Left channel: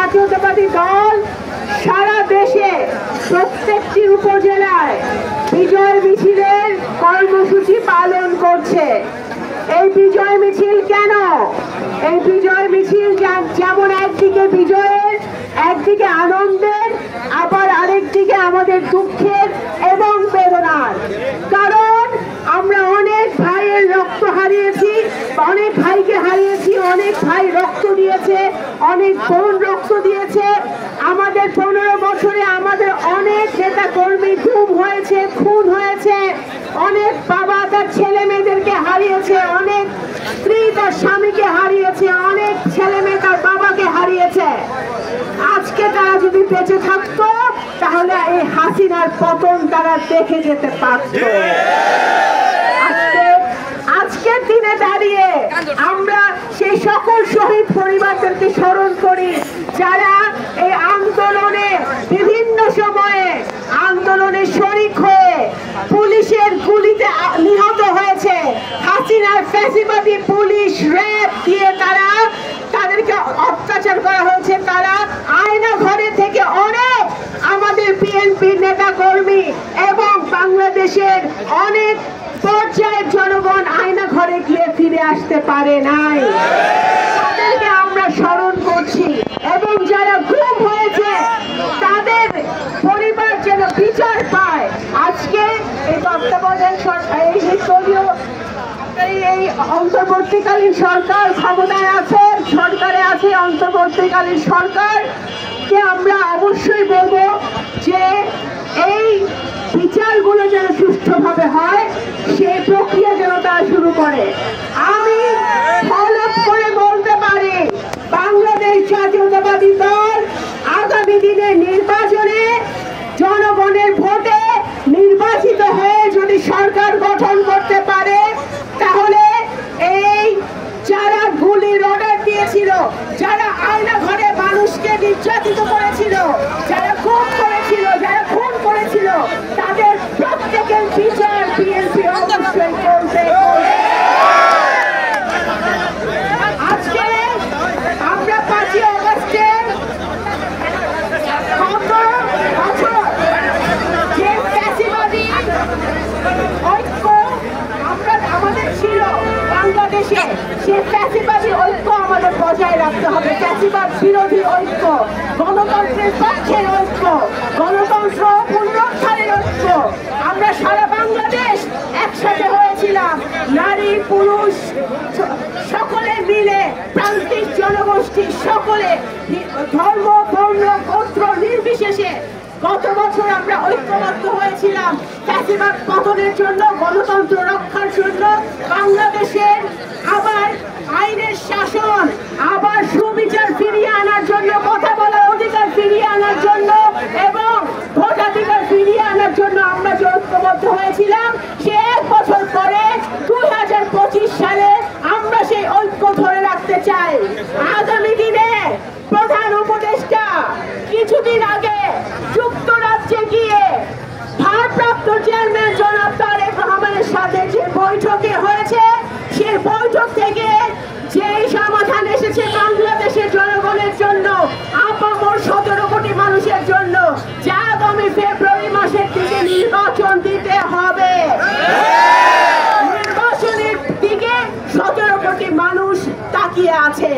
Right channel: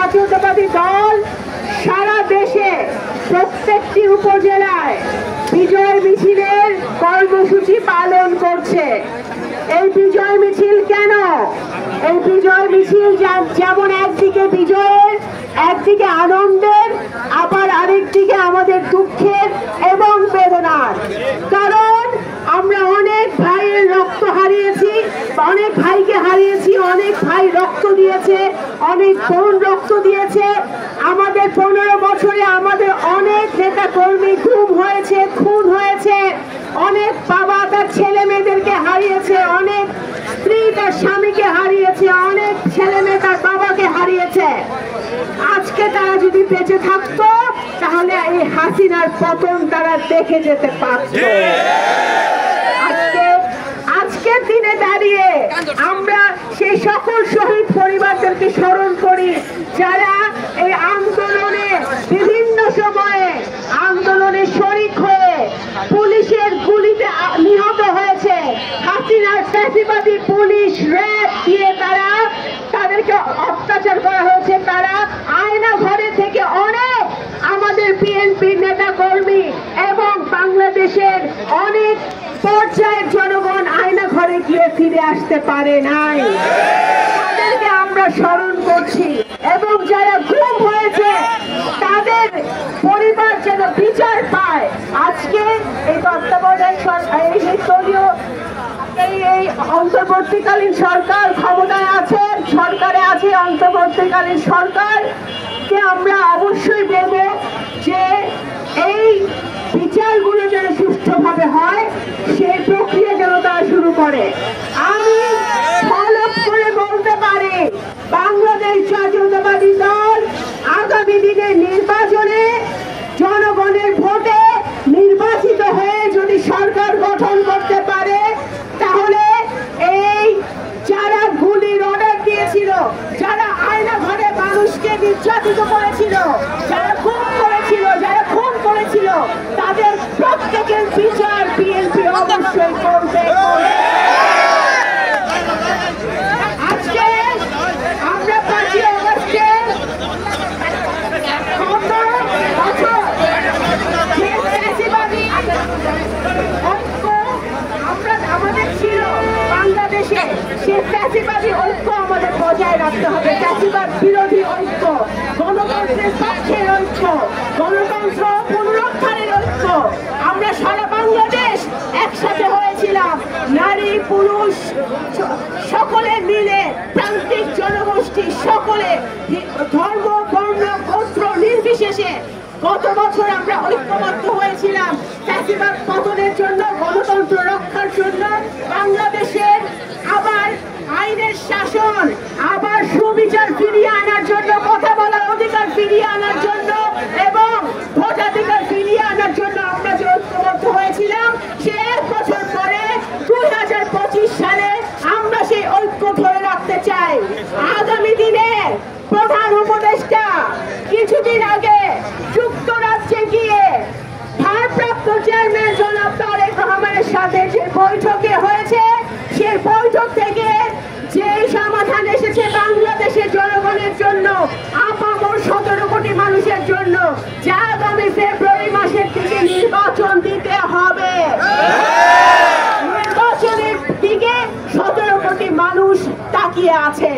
জাতীয়তাবাদী দল সারা দেশে প্রত্যেকটি উপজেলায় বিজয় মিছিলের কর্মসূচি পালন করছে। এই বিজয় মিছিল কেন? এই বিজয় মিছিল যেমন একদিকে বিজয়ের, একদিকে আনন্দের, আবার আরেকদিকে আমাদের দুঃখের এবং বেদনার। কারণ আমরা অনেক ভাইয়ের রক্ত হারিয়েছি, অনেক ভাইকে হারিয়েছি, অনেক ভাই রক্ত দিয়েছে, অনেক বোন রক্ত দিয়েছে। আমাদের 15 বছরে আমাদের অনেক নেতা কর্মী গুম হয়েছে, খুন হয়েছে, অনেক বাবা তার ছেলে মেয়েদেরকে হারিয়েছে, অনেক স্ত্রী তার স্বামীকে হারিয়েছে, অনেক ছেলে মেয়ে তার বাবাকে হারিয়েছে। আজকে তারা যদি বেঁচে থাকতো তাহলে এই হাসিনার পতন তারা দেখে যেতে পারত। আজকের দিনে দাঁড়িয়ে আমরা সেই সকল শহীদ পরিবারদেরকে স্মরণ করি যারা এই আন্দোলনে বিভিন্ন সময়ে আন্দোলনে শরীক হয়ে পুলিশের গুলিতে নিহত হয়েছে। হাসিনার ফ্যাসিবাদী পুলিশ র্যাব দিয়ে তাদেরকে অত্যাচার করা হয়েছে। তারা আয়না ঘরে থেকে অনেক আমাদের বিএনপির নেতা কর্মী এবং বাংলাদেশের অনেক পর্যায়ের জনগণ আয়না ঘরে গিয়ে ফিরে আসতে পারে নাই। তাদেরকে আমরা স্মরণ করছি এবং যারা গুম হয়েছে তাদের পরিবার যেন বিচার পায়। আজকে এই তত্ত্বাবধায়ক সরকার, এই অন্তর্বর্তীকালীন সরকার ক্ষমতায় আছে, সরকারে আছে অন্তর্বর্তীকালীন সরকারকে আমরা অবশ্যই বলবো যে এই বিচারগুলো যেন সুষ্ঠুভাবে হয়, সেই প্রক্রিয়া যেন তারা শুরু করে। আমি ফলক করে বলতে পারি বাংলাদেশ জাতীয়তাবাদী দল আগামী দিনের নির্বাচনে জনগণের ভোটে নির্বাচিত হয়ে যদি সরকার গঠন করতে পারে তাহলে এই যারা গুলির অর্ডার দিয়েছিল, যারা আয়না ঘরে মানুষকে নির্যাতিত করেছিল, যারা খুন করেছিল, যারা খুন করেছিল, তাদের প্রত্যেকের বিচার বিএনপি অবশ্যই করবে। আজকে আমরা 5ই অগস্টে যে ফ্যাসিবাদী ঐক্য আমাদের ছিল বাংলাদেশে, সেই ফ্যাসিবাদী ঐক্য আমাদের বজায় রাখতে হবে। ফ্যাসিবাদ বিরোধী ঐক্য, গণতন্ত্রের পক্ষের ঐক্য, গণতন্ত্র পুনরুদ্ধারের ঐক্য। আমরা সারা বাংলাদেশ একসাথে হয়েছিলাম, নারী পুরুষ সকলে মিলে, প্রান্তিক জনগোষ্ঠী সকলে, ধর্ম বর্ণ গোত্র নির্বিশেষে গত বছর আমরা ঐক্যবদ্ধ হয়েছিলাম ফ্যাসিবাদ পতনের জন্য, গণতন্ত্র রক্ষার জন্য, বাংলাদেশের আবার আইনের শাসন, আবার সুবিচার ফিরিয়ে আনার জন্য, কথা বলার অধিকার ফিরিয়ে আনার জন্য এবং ভোটাধিকার ফিরিয়ে আনার জন্য আমরা যে ঐক্যবদ্ধ হয়েছিলাম, সে 1 বছর পরে 2025 সালে আমরা সেই ঐক্য ধরে রাখতে চাই। আগামী দিনে প্রধান উপদেষ্টা কিছুদিন আগে যুক্তরাজ্যে গিয়ে ভারপ্রাপ্ত চেয়ারম্যান জনাব তারেক রহমানের সাথে যে বৈঠকে হয়েছে, সেই বৈঠক থেকে যে সমাধান এসেছে বাংলাদেশের জনগণের জন্য, আপামর 17 কোটি মানুষের জন্য, যা আগামী ফেব্রুয়ারি মাসের দিকে নির্বাচন দিতে হবে। নির্বাচনের দিকে 17 কোটি মানুষ তাকিয়ে আছে।